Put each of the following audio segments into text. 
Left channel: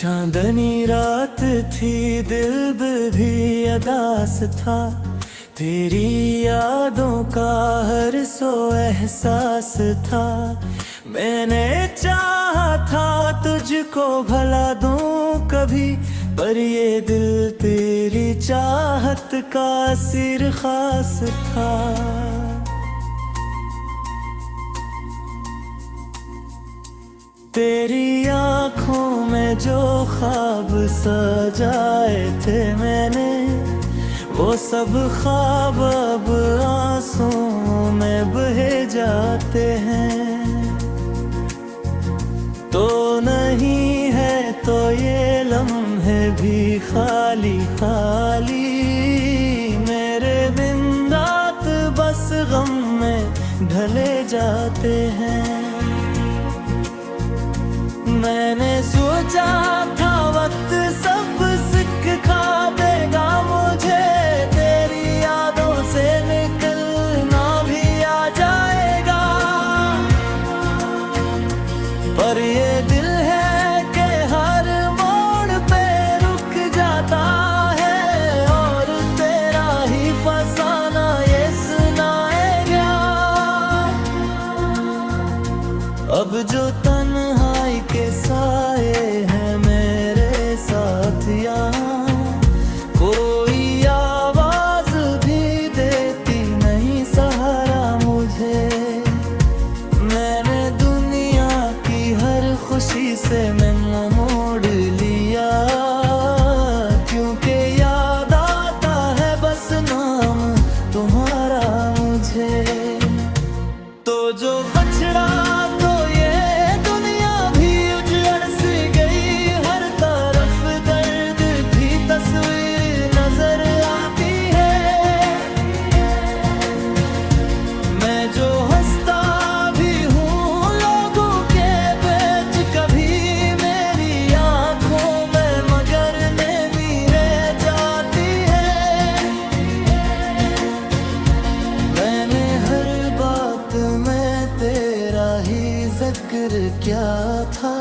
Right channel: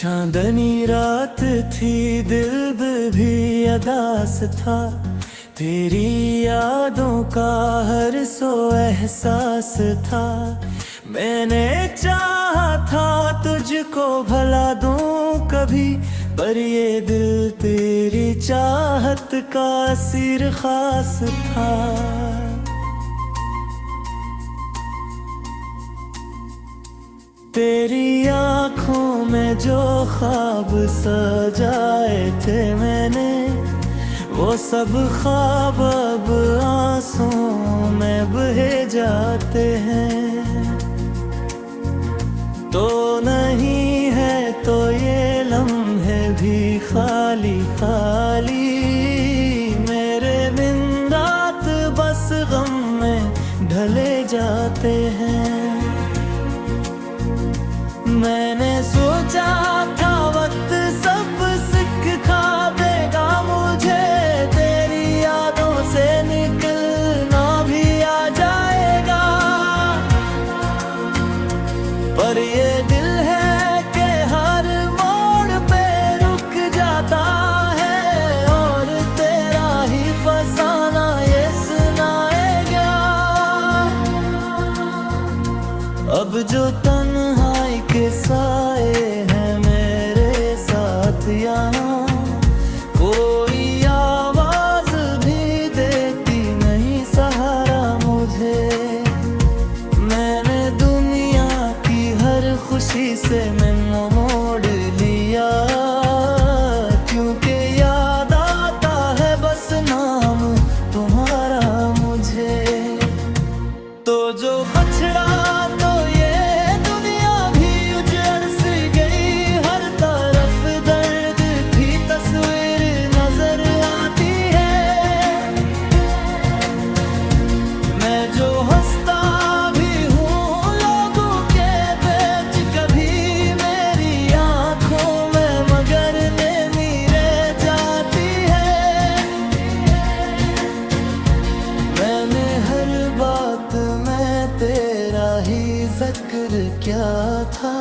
चांदनी रात थी, दिल भी अदास था। तेरी यादों का हर सो एहसास था। मैंने चाहा था तुझको भला दूं कभी, पर ये दिल तेरी चाहत का सिर खास था। तेरी आँखों में जो ख्वाब सजाए थे मैंने, वो सब ख्वाब अब आंसुओं में बहे जाते हैं। तो नहीं है तो ये लम्हे भी खाली खाली, मेरे दिन रात बस गम में ढले जाते हैं। मैंने सोचा था वक्त सब सिखा देगा मुझे, तेरी यादों से निकलना भी आ जाएगा। पर ये दिल है कि हर मोड़ पे रुक जाता है, और तेरा ही फसाना ये सुनाएगा। अब जो तन्हाई के साए हैं मेरे साथ यहाँ, कोई आवाज भी देती नहीं सहारा मुझे। मैंने दुनिया की हर खुशी से मैं मोड़ लिया, क्योंकि याद आता है बस नाम तुम्हारा मुझे। तो जो बछड़ा तो ये दुनिया भी उजड़ सी गई, हर तरफ दर्द की तस्वीर नजर आती है। मैं जो हंसता भी हूँ लोगों के बीच, कभी मेरी आंखों में मगर नेमी रह जाती है। मैंने हर बात में तेरा ही जिक्र क्या था,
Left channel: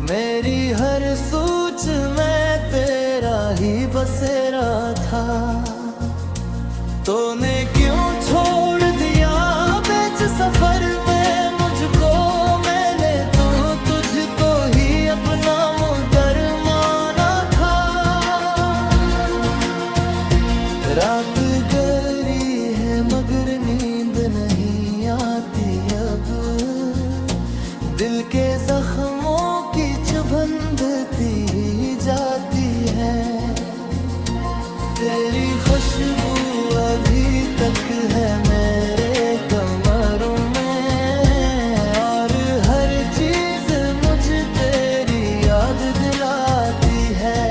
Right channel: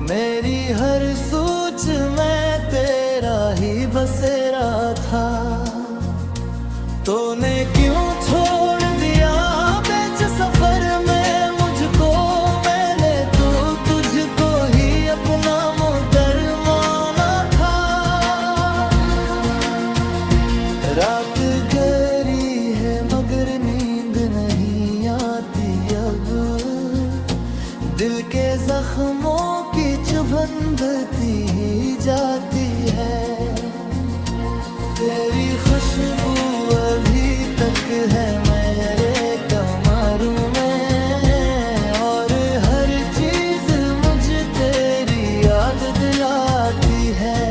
मेरी हर सोच में तेरा ही बसेरा था। तूने क्यों छोड़ दिया बीच सफर में मुझको, मैंने तो तुझको ही अपना मुदर माना था। रात गहरी है मगर नींद नहीं आती अब, दिल के जख्मों की चुभन बढ़ती ही जाती है। तेरी खुशबू अभी तक है मेरे कमरों में, और हर चीज मुझे तेरी याद दिलाती है।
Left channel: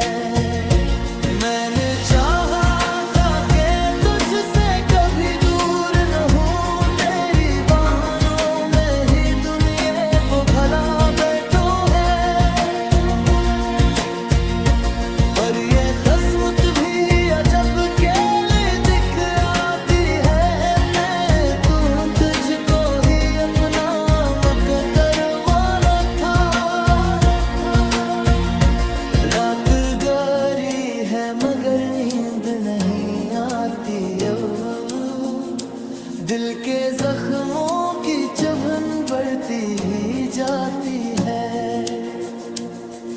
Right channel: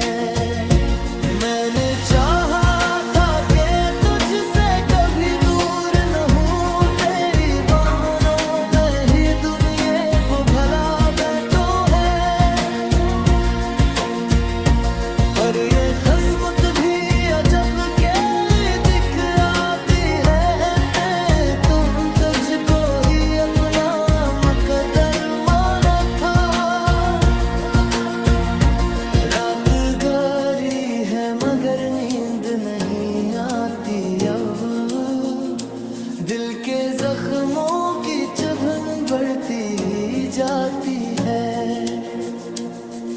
मैंने चाहा था कि तुझसे कभी दूर न हूँ, तेरी बहानों में ही दुनिया को भला बैठो है। पर ये किस्मत भी जब केली दिख आती है, मैं तो तुझको ही अपना मुकद्दर माना था। रात गहरी है मगर नींद नहीं आती अब, दिल के जख्मों की चुभन बढ़ती ही जाती है।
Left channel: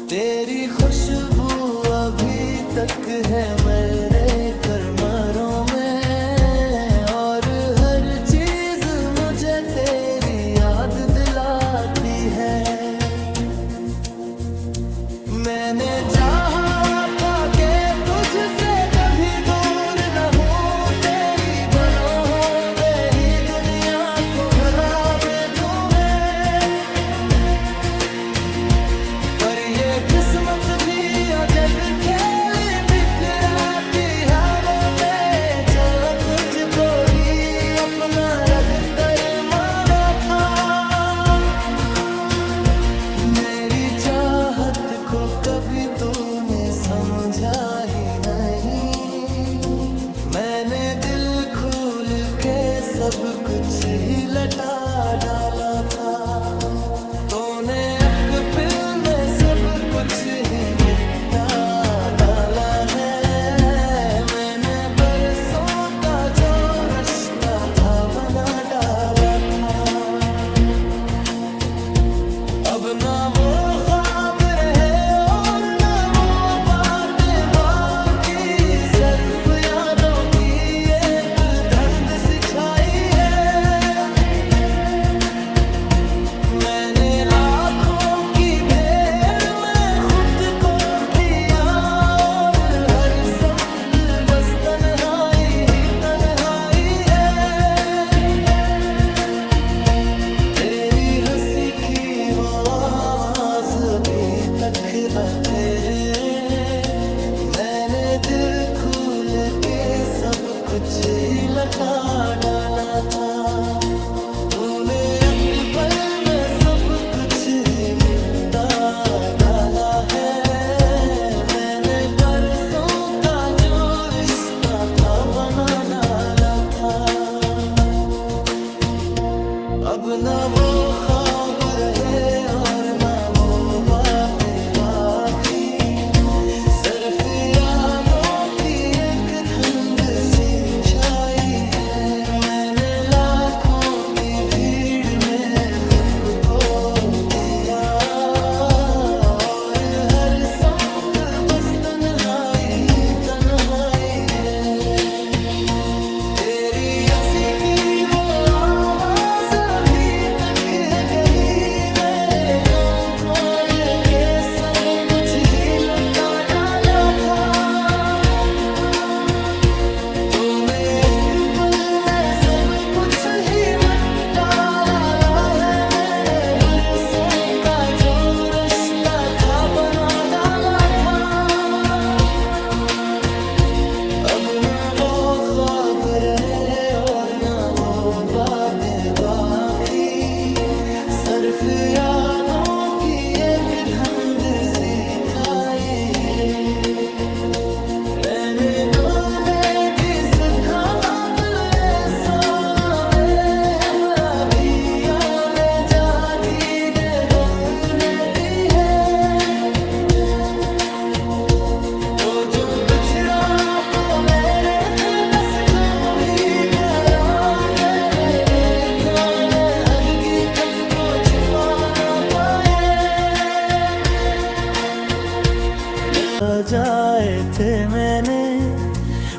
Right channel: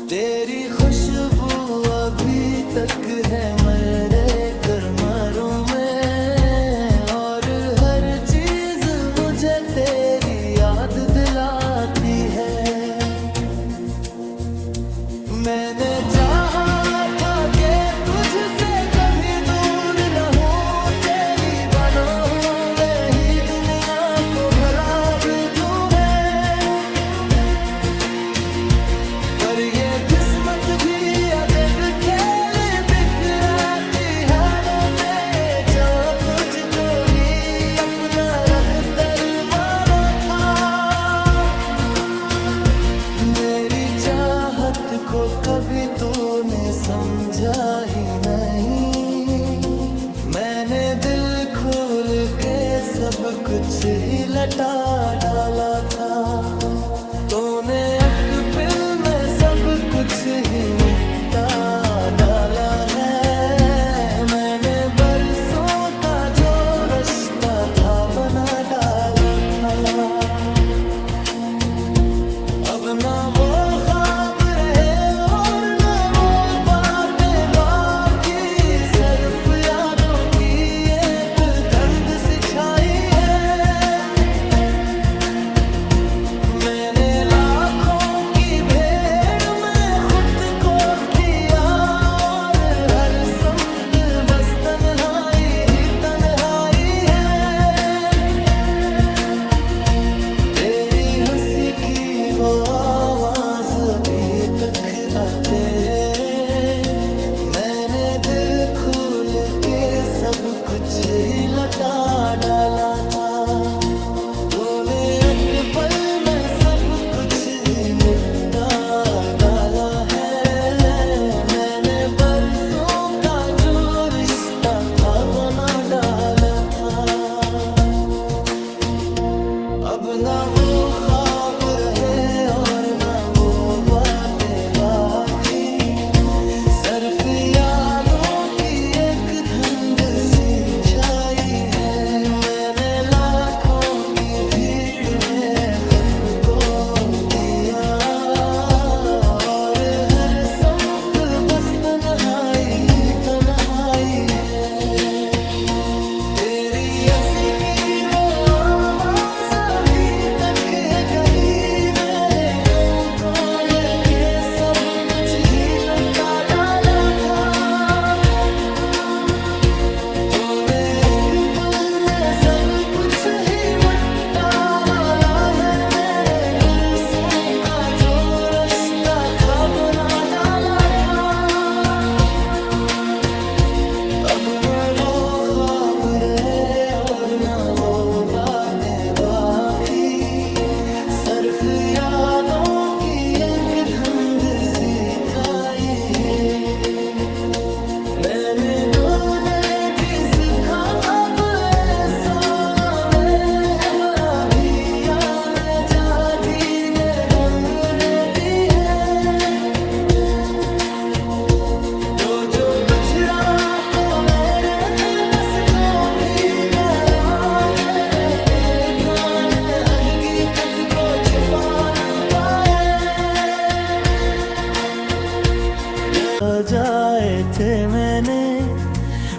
तेरी खुशबू अभी तक है मेरे कमरों में, और हर चीज मुझे तेरी याद दिलाती है। मैंने चाहा था कि तुझसे कभी दूर न हूँ, तेरी बाहों में ही दुनिया को भला बैठूं मैं। पर ये किस्मत भी अजब खेल बिखराती है में, जो तुझको ही अपना रखदर माना था। मेरी चाहत को कभी तूने समझा ही नहीं, मैंने दिल खोल के सब कुछ ही लटा डाला था। तूने अकबिल में सब कुछ ही मिटा डाला है। मैंने बरसों का जो रिश्ता था बना डाला था। अब ना वो ख्वाब रहे और ना वो बातें बाकी, सिर्फ यादों की एक धुंध सी छाई है। मैंने लाखों की भीड़ में खुद को किया और हर सम्त बस तन्हाई ही तन्हाई है। तेरी हंसी की वो आवाज भी तक आते रहे। मैंने दिल खोल के सब कुछ ही लौटा डाला था। तूने एक पल में सब कुछ ही मिटा डाला है। मैंने बरसों का जो रिश्ता था बना डाला था। अब ना वो ख्वाब रहे और ना वो बातें बाकी, सिर्फ यादों की एक धुंध सी छाई है। मैंने लाखों की भीड़ में खुद को खो दिया और हर संप बस तन्हाई ही तन्हाई है। तेरी हंसी की वो आवाज अभी तक है गई। मेरे को खोल के सब कुछ ही लौटा डाला था। तूने एक पल में सब कुछ ही मिटा डाला है। मैंने बरसों का जो रिश्ता था बना डाला था। अब न वो ख्वाब रहे और न वो बातें बाकी, सिर्फ यादों की एक धुंध सी छाई। मैंने तूने भी सिखा बाप ऐसा में बड़ा भिया में जा जीने बोल लेती है। तो जो बिछड़ा तो मेरे दिल कस को भी करा। मेरे लिखा ने हदगी खत को छुपा ना पाए। जाए थे मैंने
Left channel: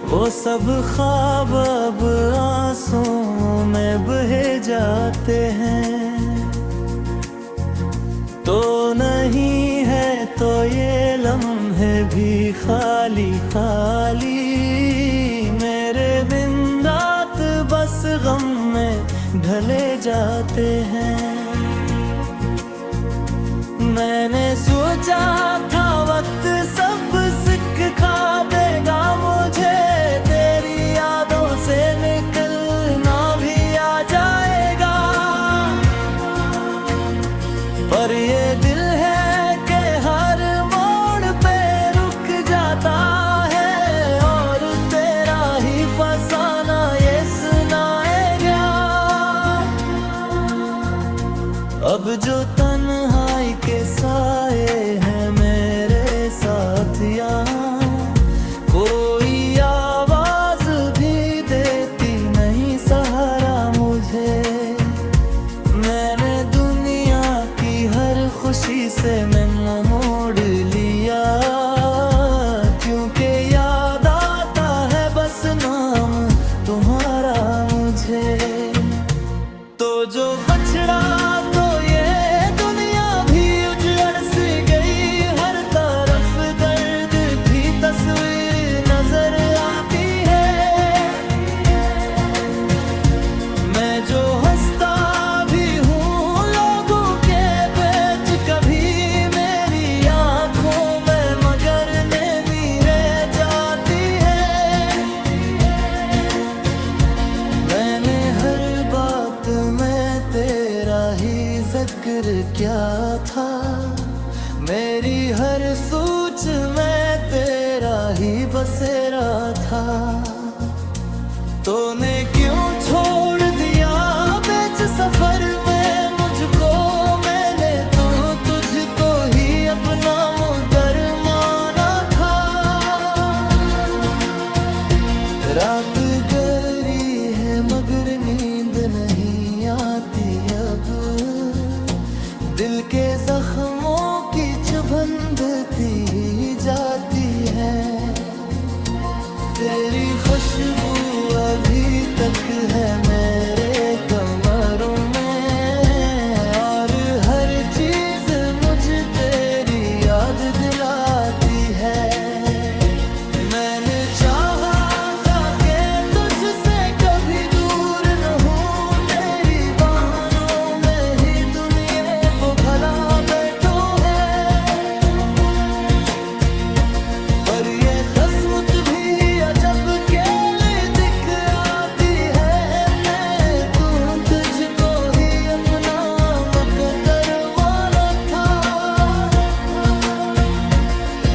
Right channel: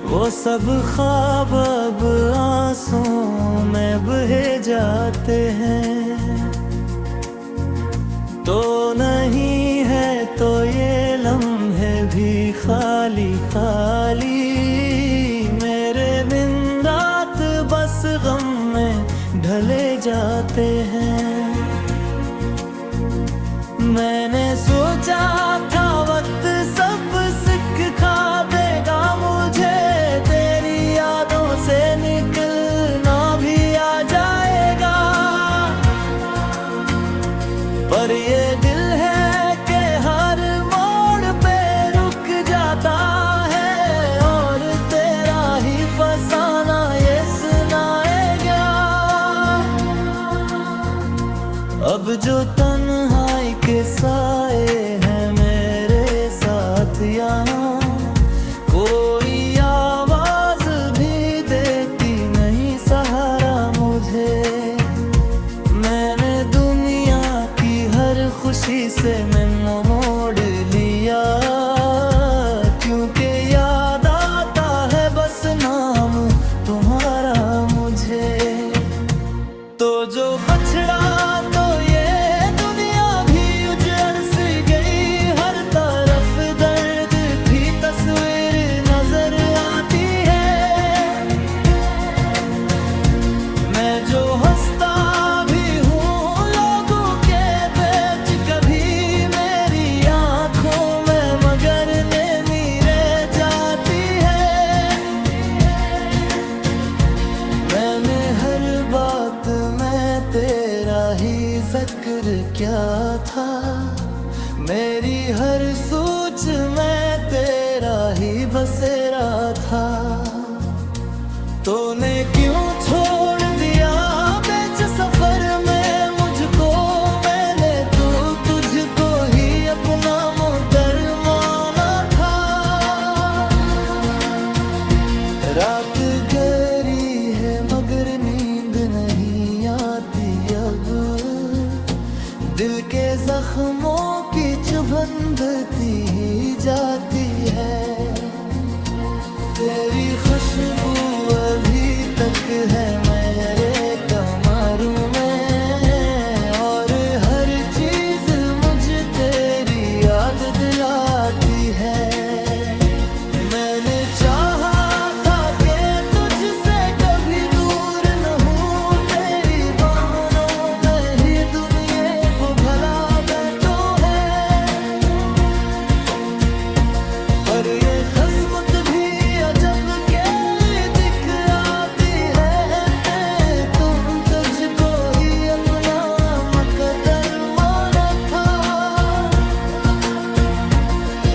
वो सब ख्वाब अब आंसुओं में बहे जाते हैं। तो नहीं है तो ये लम्हे भी खाली खाली। मेरे दिन रात बस गम में ढले जाते हैं। मैंने सोचा था वक्त सब सिखा देगा मुझे। तेरी यादों से निकलना भी आ जाएगा। पर ये दिल है कि हर मोड़ पे रुक जाता है और तेरा ही फसाना ये सुनाएगा। अब जो तन्हाई के साए हैं मेरे साथ यहाँ, कोई आवाज भी देती नहीं सहारा मुझे। मैंने दुनिया की हर खुशी से मैं मोड़ लिया, क्योंकि याद आता है बस नाम तुम्हारा मुझे। तो जो बछड़ा तो ये दुनिया भी उजड़ सी गई। हर तरफ दर्द की तस्वीर नजर आती है। मैं जो हंसता भी हूँ लोगों के बीच, कभी मेरी आंखों में मगर नेमी रह जाती है। मैंने हर बात में तेरा ही जिक्र क्या था। मेरी हर सोच में तेरा ही बसेरा था। तूने क्यों छोड़ दिया बीच सफर में मुझको। मैंने अपना मुदरमाना था। रात गहरी है मगर नींद नहीं आती अब, दिल के जख्मों की चुभन बढ़ती ही जाती है। तेरी खुशबू अभी तक है मेरे कमरों में, और हर चीज मुझे तेरी याद दिलाती है। मैंने चाहा था कि तुझसे कभी दूर न हूँ, तेरी बहानों में ही दुनिया को भला बैठो है। पर ये किस्मत भी अजब कैली दिख आती है, मैं तो तुझको ही अपना मुकद्दर माना था।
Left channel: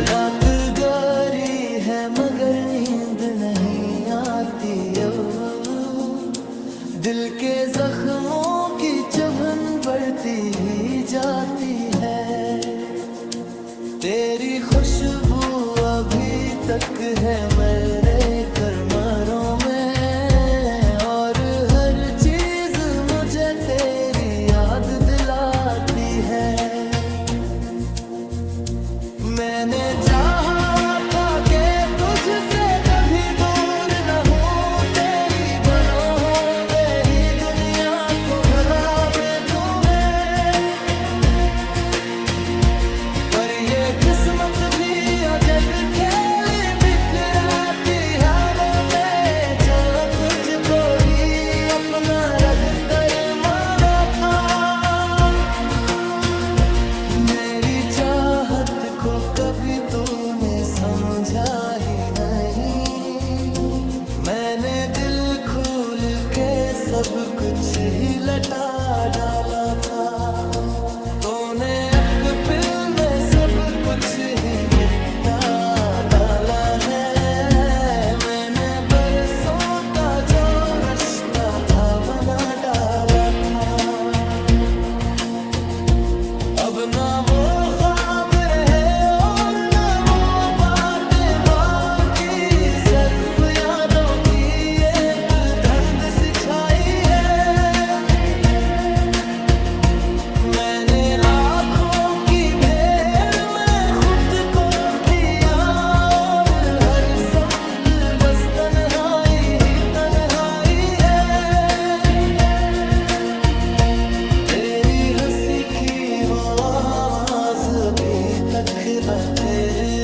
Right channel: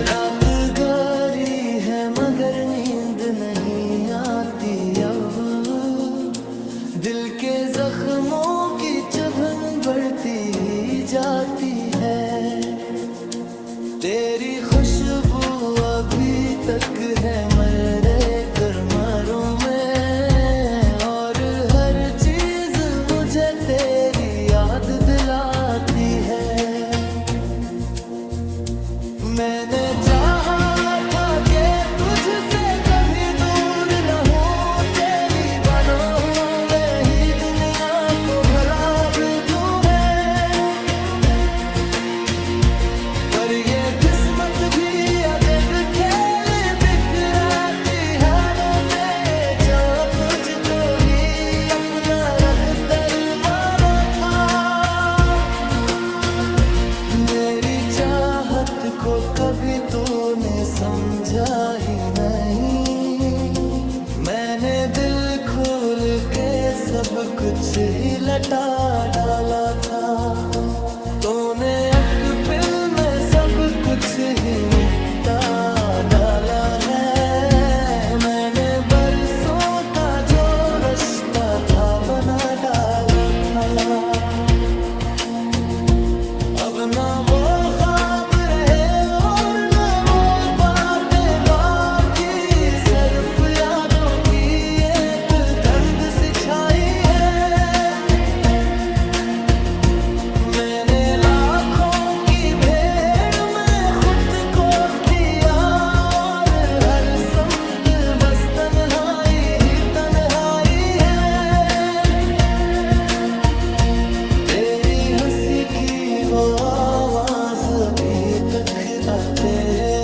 रात गहरी है मगर नींद नहीं आती अब, दिल के जख्मों की चुभन बढ़ती ही जाती है। तेरी खुशबू अभी तक है मेरे कमरों में, और हर चीज मुझे तेरी याद दिलाती है। मैंने चाहा था कि तुझसे कभी दूर न हूँ, तेरी बाहों में ही दुनिया को भला बैठूं मैं। पर ये किस्मत भी अजब खेल बिखराती है, मैं जो तुझको ही अपना रखदर माना था। मेरी चाहत को कभी तूने समझा ही नहीं, मैंने दिल खोल के सब कुछ ही लटा डाला था। तूने अक़्ल में सब कुछ ही मिटा डाला है, मैंने बरसों का जो रिश्ता था बना डाला था। अब ना वो ख्वाब रहे और ना वो बातें बाकी, सिर्फ यादों की एक धुंध सी छाई है। मैंने लाखों की भीड़ में खुद को किया, और हर समत बस तन्हाई ही तन्हाई है। तेरी हंसी की वो आवाज भी तक आते रे,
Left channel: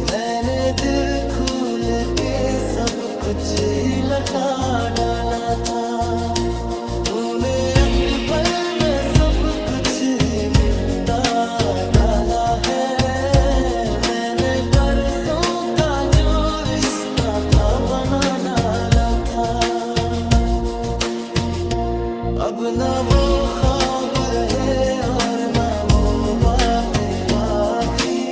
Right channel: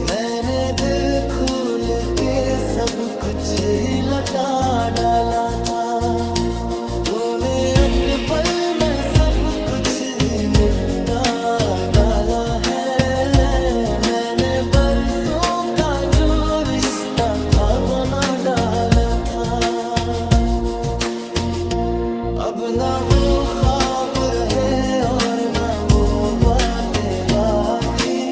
मैंने दिल खोल के सब कुछ ही लटा डाला था। तूने एक पल में सब कुछ ही मिटा डाला है, मैंने बरसों का जो रिश्ता था बना डाला था। अब ना वो ख्वाब रहे और ना वो बातें बाकी,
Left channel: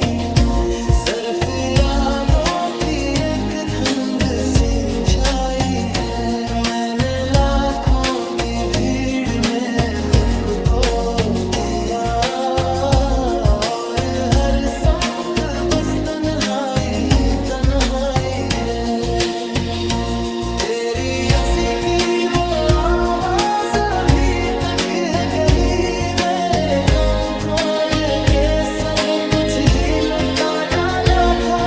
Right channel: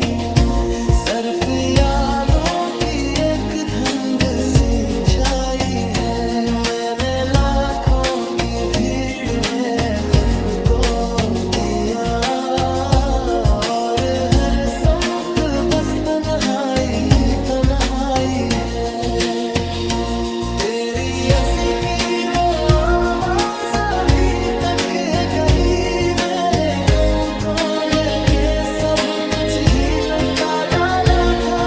सिर्फ यादों की एक धुंध सी छाई है। मैंने लाखों की भीड़ में खुद को दिया, और हर संप बस तन्हाई ही तन्हाई है। तेरी हंसी की वो आवाज अभी तक है गई, मेरे को खोल के सब कुछ ही लुटा डाला था।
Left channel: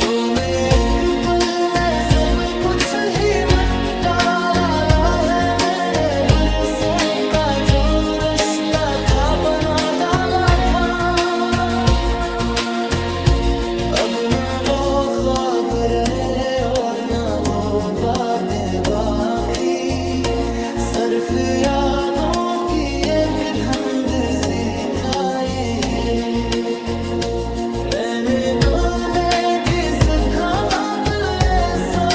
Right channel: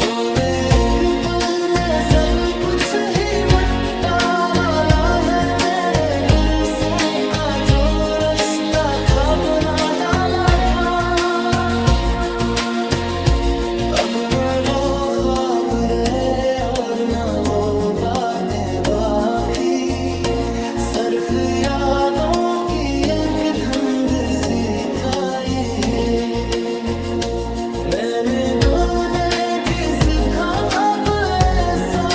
तूने एक पल में सब कुछ ही मिटा डाला है, मैंने बरसों का जो रिश्ता था बना डाला था। अब न वो ख्वाब रहे और न वो बातें बाकी, सिर्फ यादों की एक धुंध सी छाई। मैंने तूने जिस खाब ऐसा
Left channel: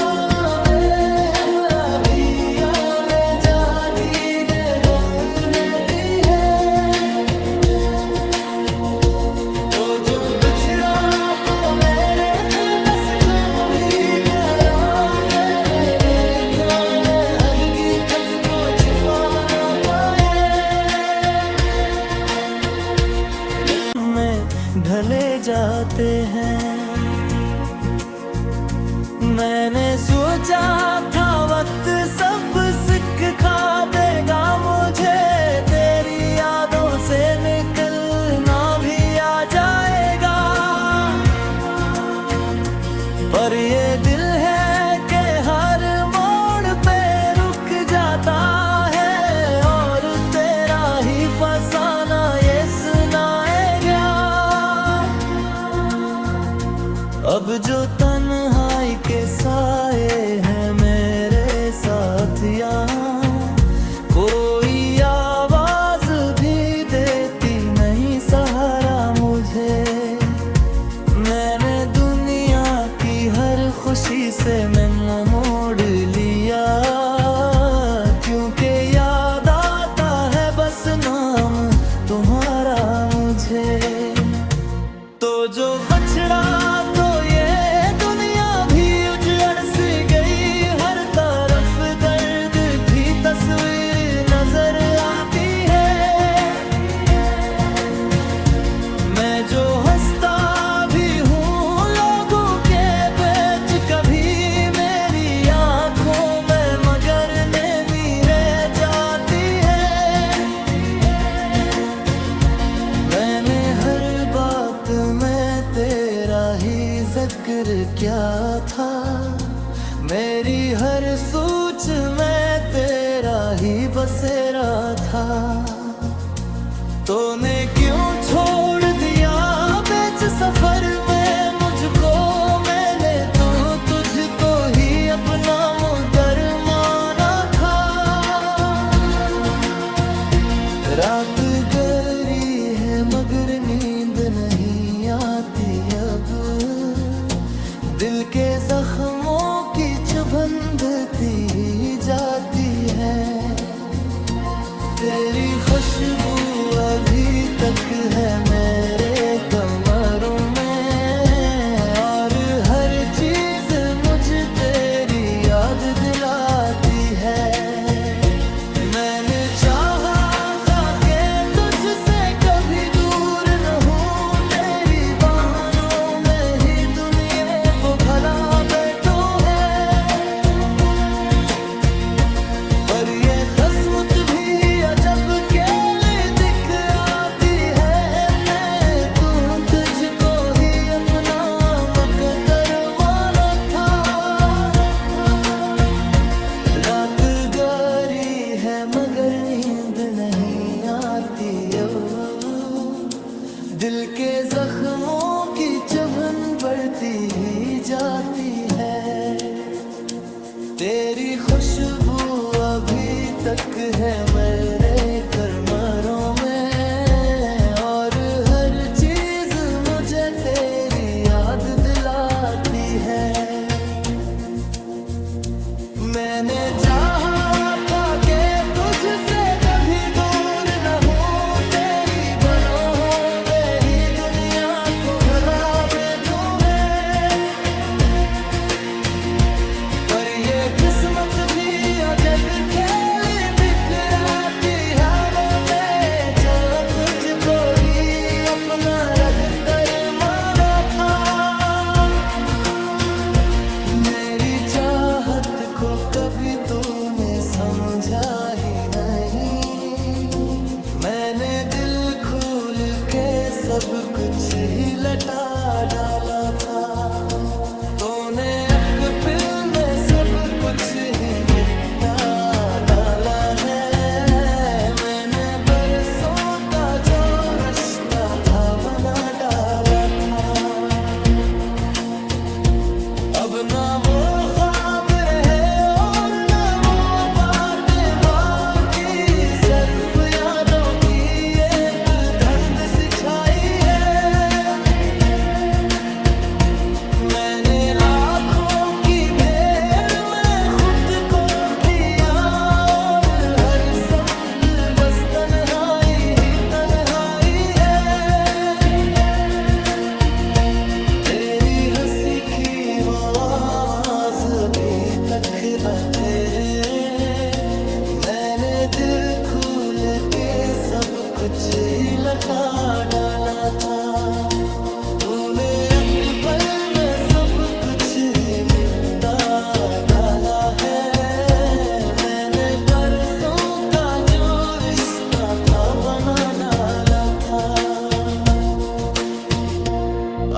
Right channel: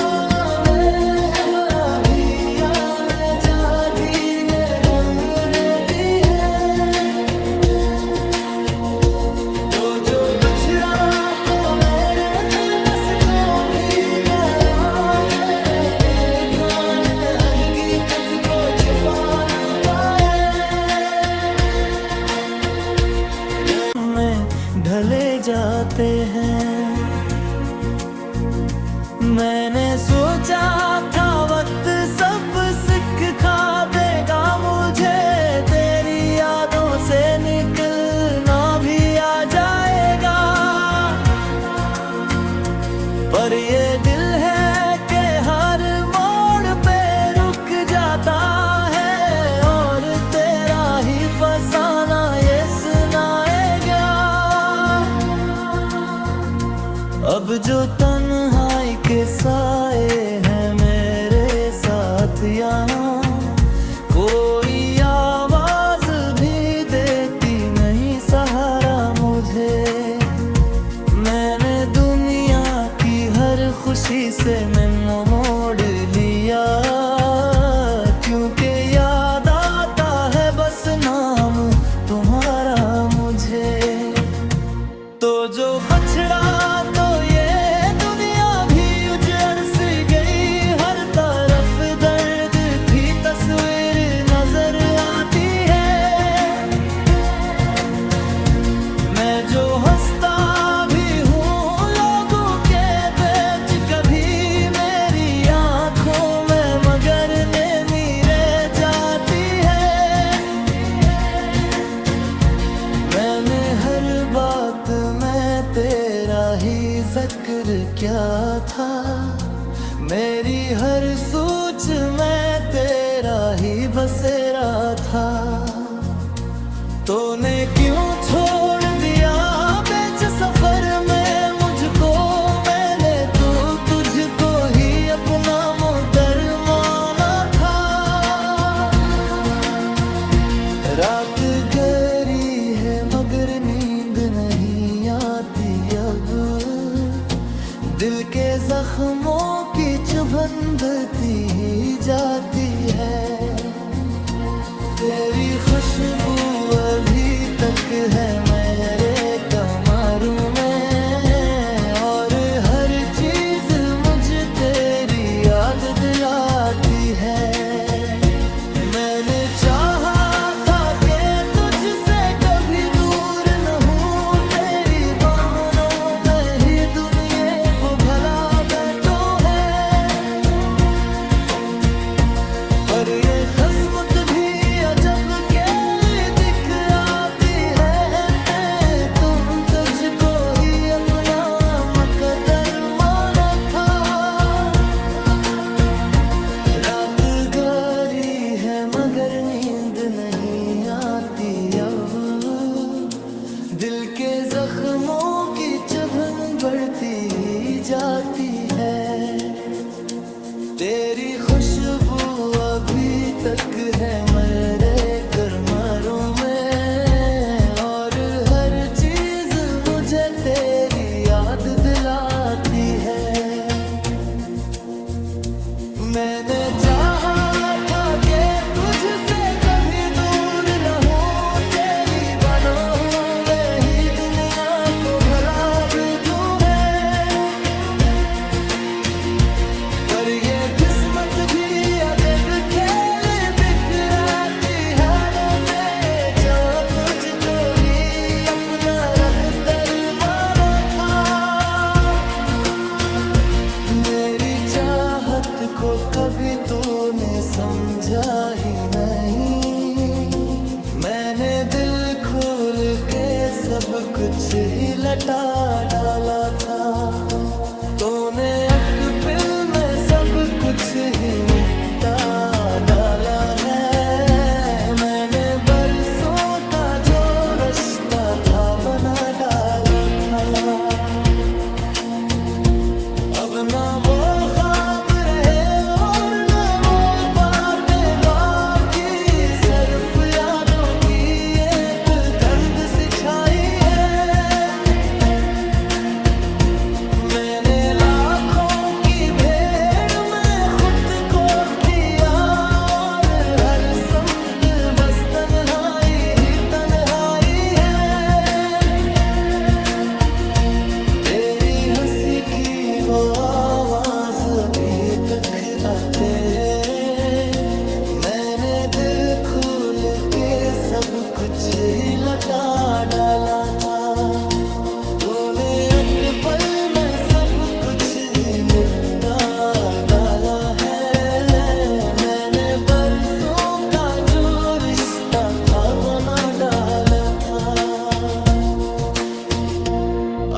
मैं बड़ा भी या मैं जा जीने दुल लेती है, तो जो बिछड़ा तो मेरे दिल बस तो भी करा, मेरे लिखाने हदगी खत को छुपा ना पाए। ढले जाते हैं। मैंने सोचा था वक्त सब सिखा देगा मुझे, तेरी यादों से निकलना भी आ जाएगा। पर ये दिल है कि हर मोड़ पे रुक जाता है, और तेरा ही फसाना ये सुनाएगा। अब जो तन्हाई के साए हैं मेरे साथ यहाँ, कोई आवाज भी देती नहीं सहारा मुझे। मैंने दुनिया की हर खुशी से मैं मोड़ लिया, क्योंकि याद आता है बस नाम तुम्हारा मुझे। तो जो बछड़ा तो ये दुनिया भी उजड़ सी गई, हर तरफ दर्द की तस्वीर नजर आती है। मैं जो हंसता भी हूँ लोगों के बीच, कभी मेरी आंखों में मगर नेमी रह जाती है। मैंने हर बात में तेरा ही जिक्र क्या था, मेरी हर सोच में तेरा ही बसेरा था। तूने क्यों छोड़ दिया बीच सफर में मुझको, मैंने तो तुझको ही अपना मुदर माना था। रात गहरी है मगर नींद नहीं आती अब, दिल के जख्मों की चुभन बढ़ती ही जाती है। तेरी खुशबू अभी तक है मेरे कमरों में, और हर चीज मुझे तेरी याद दिलाती है। मैंने चाहा था कि तुझसे कभी दूर न हूँ, तेरी बहानों में ही दुनिया को भला बैठो है। पर ये किस्मत भी अजब केली दिख आती है, मैं तो तुझको ही अपना मुकद्दर माना था। रात गहरी है मगर नींद नहीं आती अब, दिल के जख्मों की चुभन बढ़ती ही जाती है। तेरी खुशबू अभी तक है मेरे कमरों में, और हर चीज मुझे तेरी याद दिलाती है। मैंने चाहा था कि तुझसे कभी दूर न हूँ, तेरी बाहों में ही दुनिया को भला भेजूं मैं। पर ये किस्मत भी अजब खेल बिखराती है में, जो तुझको ही अपना रकदर माना था। मेरी चाहत को कभी तूने समझा ही नहीं, मैंने दिल खोल के सब कुछ ही लटा डाला था। तूने अकबिल में सब कुछ ही निपटा डाला है, मैंने बरसों का जो रिश्ता था बना डाला था। अब ना वो ख्वाब रहे और ना वो बातें बाकी, सिर्फ यादों की एक धुंध सी छाई है। मैंने लाखों की भीड़ में खुद को दिया, और हर समत बस तन्हाई ही तन्हाई है। तेरी हंसी की वो आवाज भी तक आ तेरे, मैंने दिल खोल के सब कुछ ही लौटा डाला था। तूने एक पल में सब कुछ ही मिटा डाला है। मैंने बरसों का जो रिश्ता था बना डाला था।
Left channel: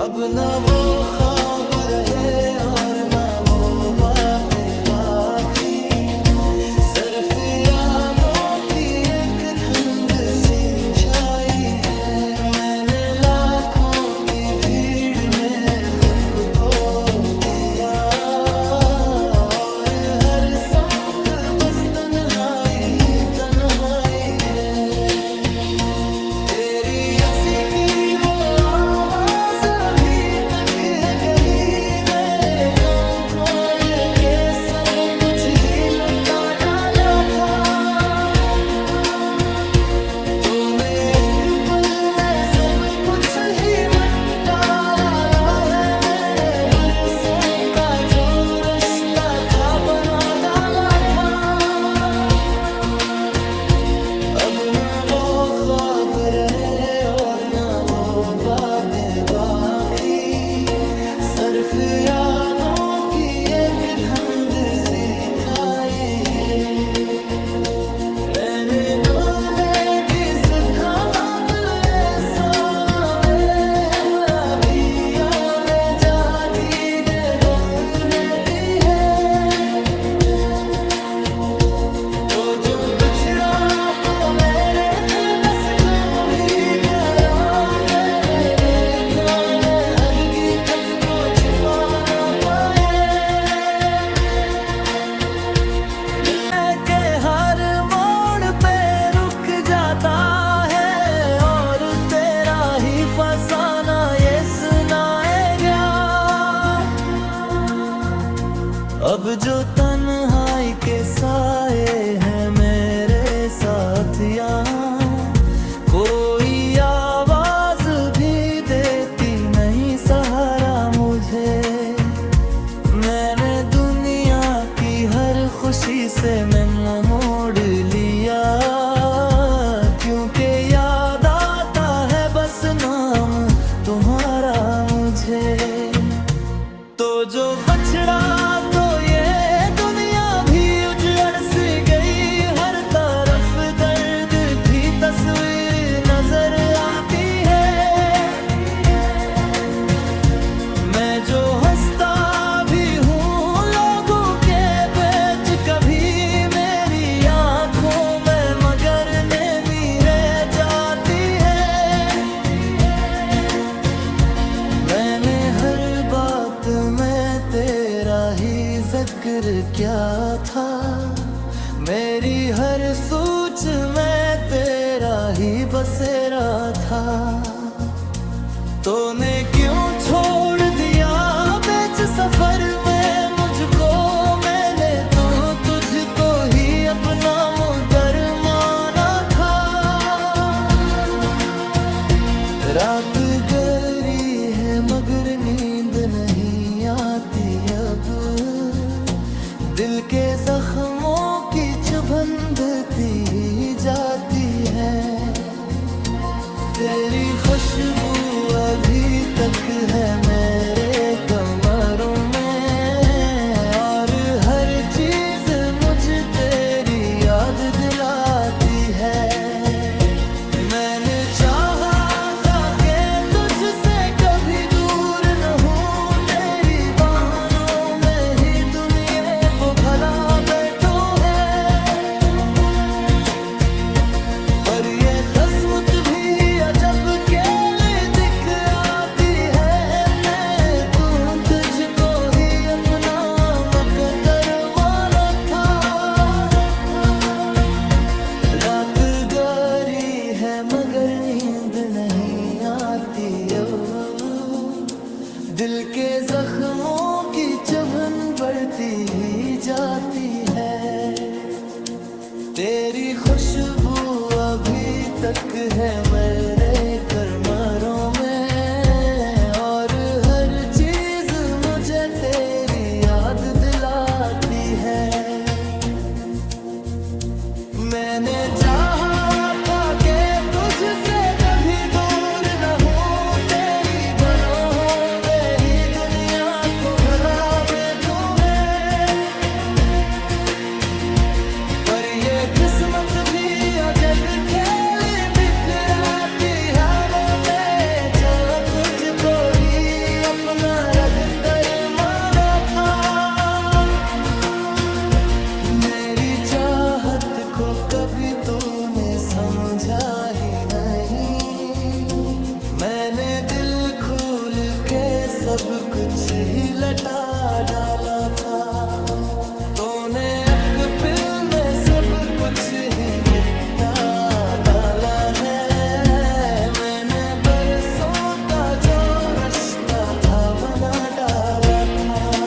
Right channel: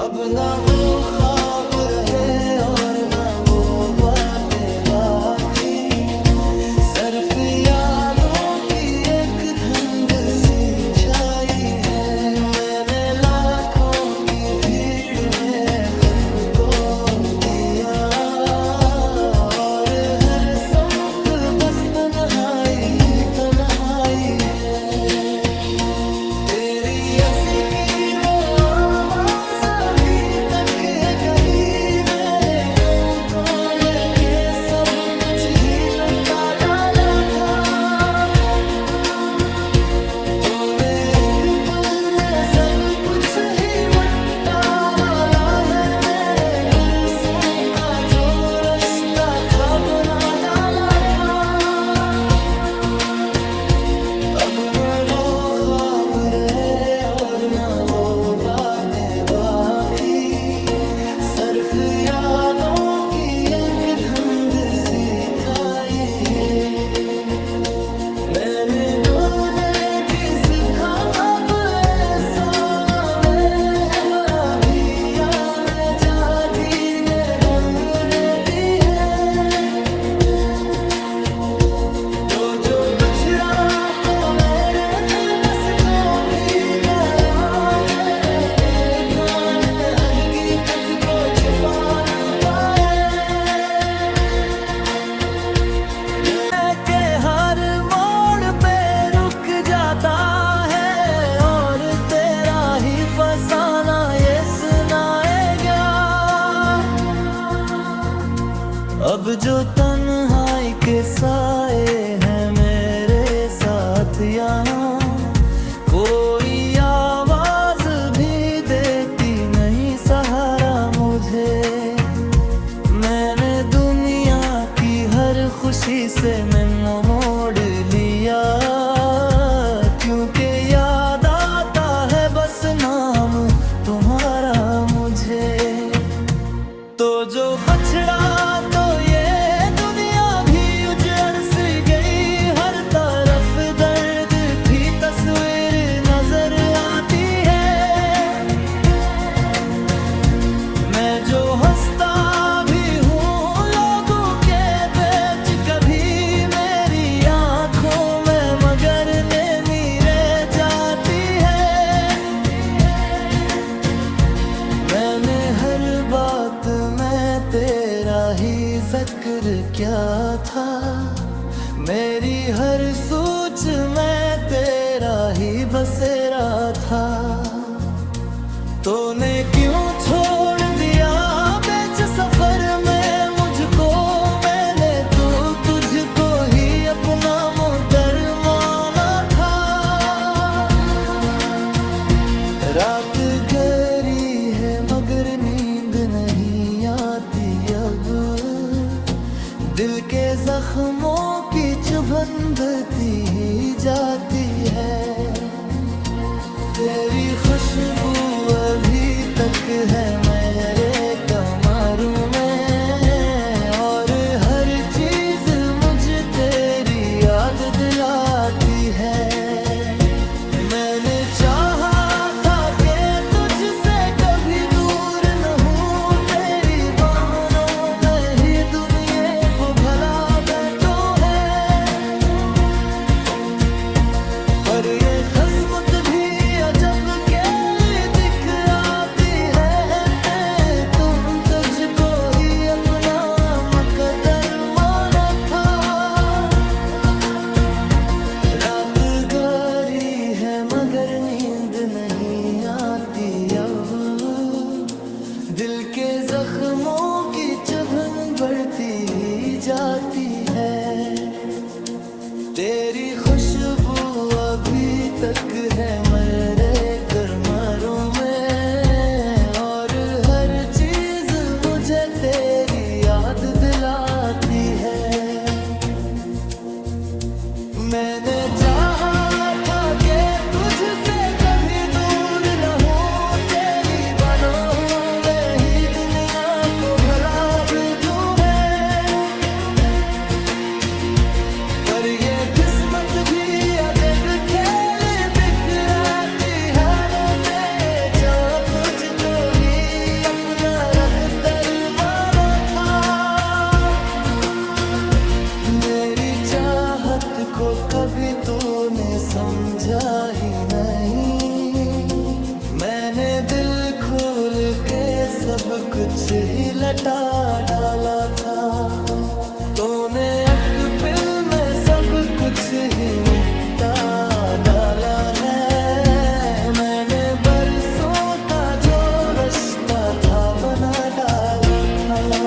अब ना वो ख्वाब रहे और ना वो बातें बाकी, सिर्फ यादों की एक धुंध सी छाई है। मैंने लाखों की भीड़ में खुद को दिया और हर संप बस तन्हाई ही तन्हाई है। तेरी हंसी की वो आवाज अभी तक है कहीं मेरे को खोल के सब कुछ ही लुटा डाला था। तूने एक पल में सब कुछ ही मिटा डाला है। मैंने बरसों का जो रिश्ता था बना डाला था। अब न वो ख्वाब रहे और न वो बातें बाकी, सिर्फ यादों की एक धुंध सी छाई है। मैंने तूने भी सिखा बाप ऐसा मैं बड़ा भिया में जा जीने बोल लेती है। तो जो बिछड़ा तो मेरे दिल कस को भी करा। मेरे दिल काने हगगी खत को छुपा ना पाए। के हर मोड़ पे रुक जाता है और तेरा ही फसाना ये सुनाएगा। अब जो तन्हाई के साए हैं मेरे साथ यहाँ, कोई आवाज भी देती नहीं सहारा मुझे। मैंने दुनिया की हर खुशी से मैं मोड़ लिया, क्योंकि याद आता है बस नाम तुम्हारा मुझे। तो जो बछड़ा तो ये दुनिया भी उजड़ सी गई। हर तरफ दर्द की तस्वीर नजर आती है। मैं जो हंसता भी हूँ लोगों के बीच, कभी मेरी आंखों में मगर नेमी रह जाती है। मैंने हर बात में तेरा ही जिक्र किया था। मेरी हर सोच में तेरा ही बसेरा था। तूने क्यों छोड़ दिया बीच सफर में मुझको। मैंने तो तुझको ही अपना मुदर माना था। रात गहरी है मगर नींद नहीं आती अब। दिल के जख्मों की चुभन बढ़ती ही जाती है। तेरी खुशबू अभी तक है मेरे कमरों में और हर चीज मुझे तेरी याद दिलाती है। मैंने चाहा था कि तुझसे कभी दूर न हूँ। तेरी बहानों में ही दुनिया को भला बैठो है। पर ये किस्मत भी अजब कैली दिख आती है। मैं तो तुझको ही अपना मुकद्दर माना था। रात गहरी है मगर नींद नहीं आती अब। दिल के जख्मों की चुभन बढ़ती ही जाती है। तेरी खुशबू अभी तक है मेरे कमरों में और हर चीज मुझे तेरी याद दिलाती है। मैंने चाहा था कि तुझसे कभी दूर न हूँ, तेरी बाहों में ही दुनिया को भला बिठूं मैं। पर ये किस्मत भी अजब खेल बिखराती हालों में, जो तुझको ही अपना रख दर माना था। मेरी चाहत को कभी तूने समझा ही नहीं, मैंने दिल खोल के सब कुछ ही लटा डाला था। तूने अक़्ल में सब कुछ ही मिटा डाला है, मैंने बरसों का जो रिश्ता था बना डाला था।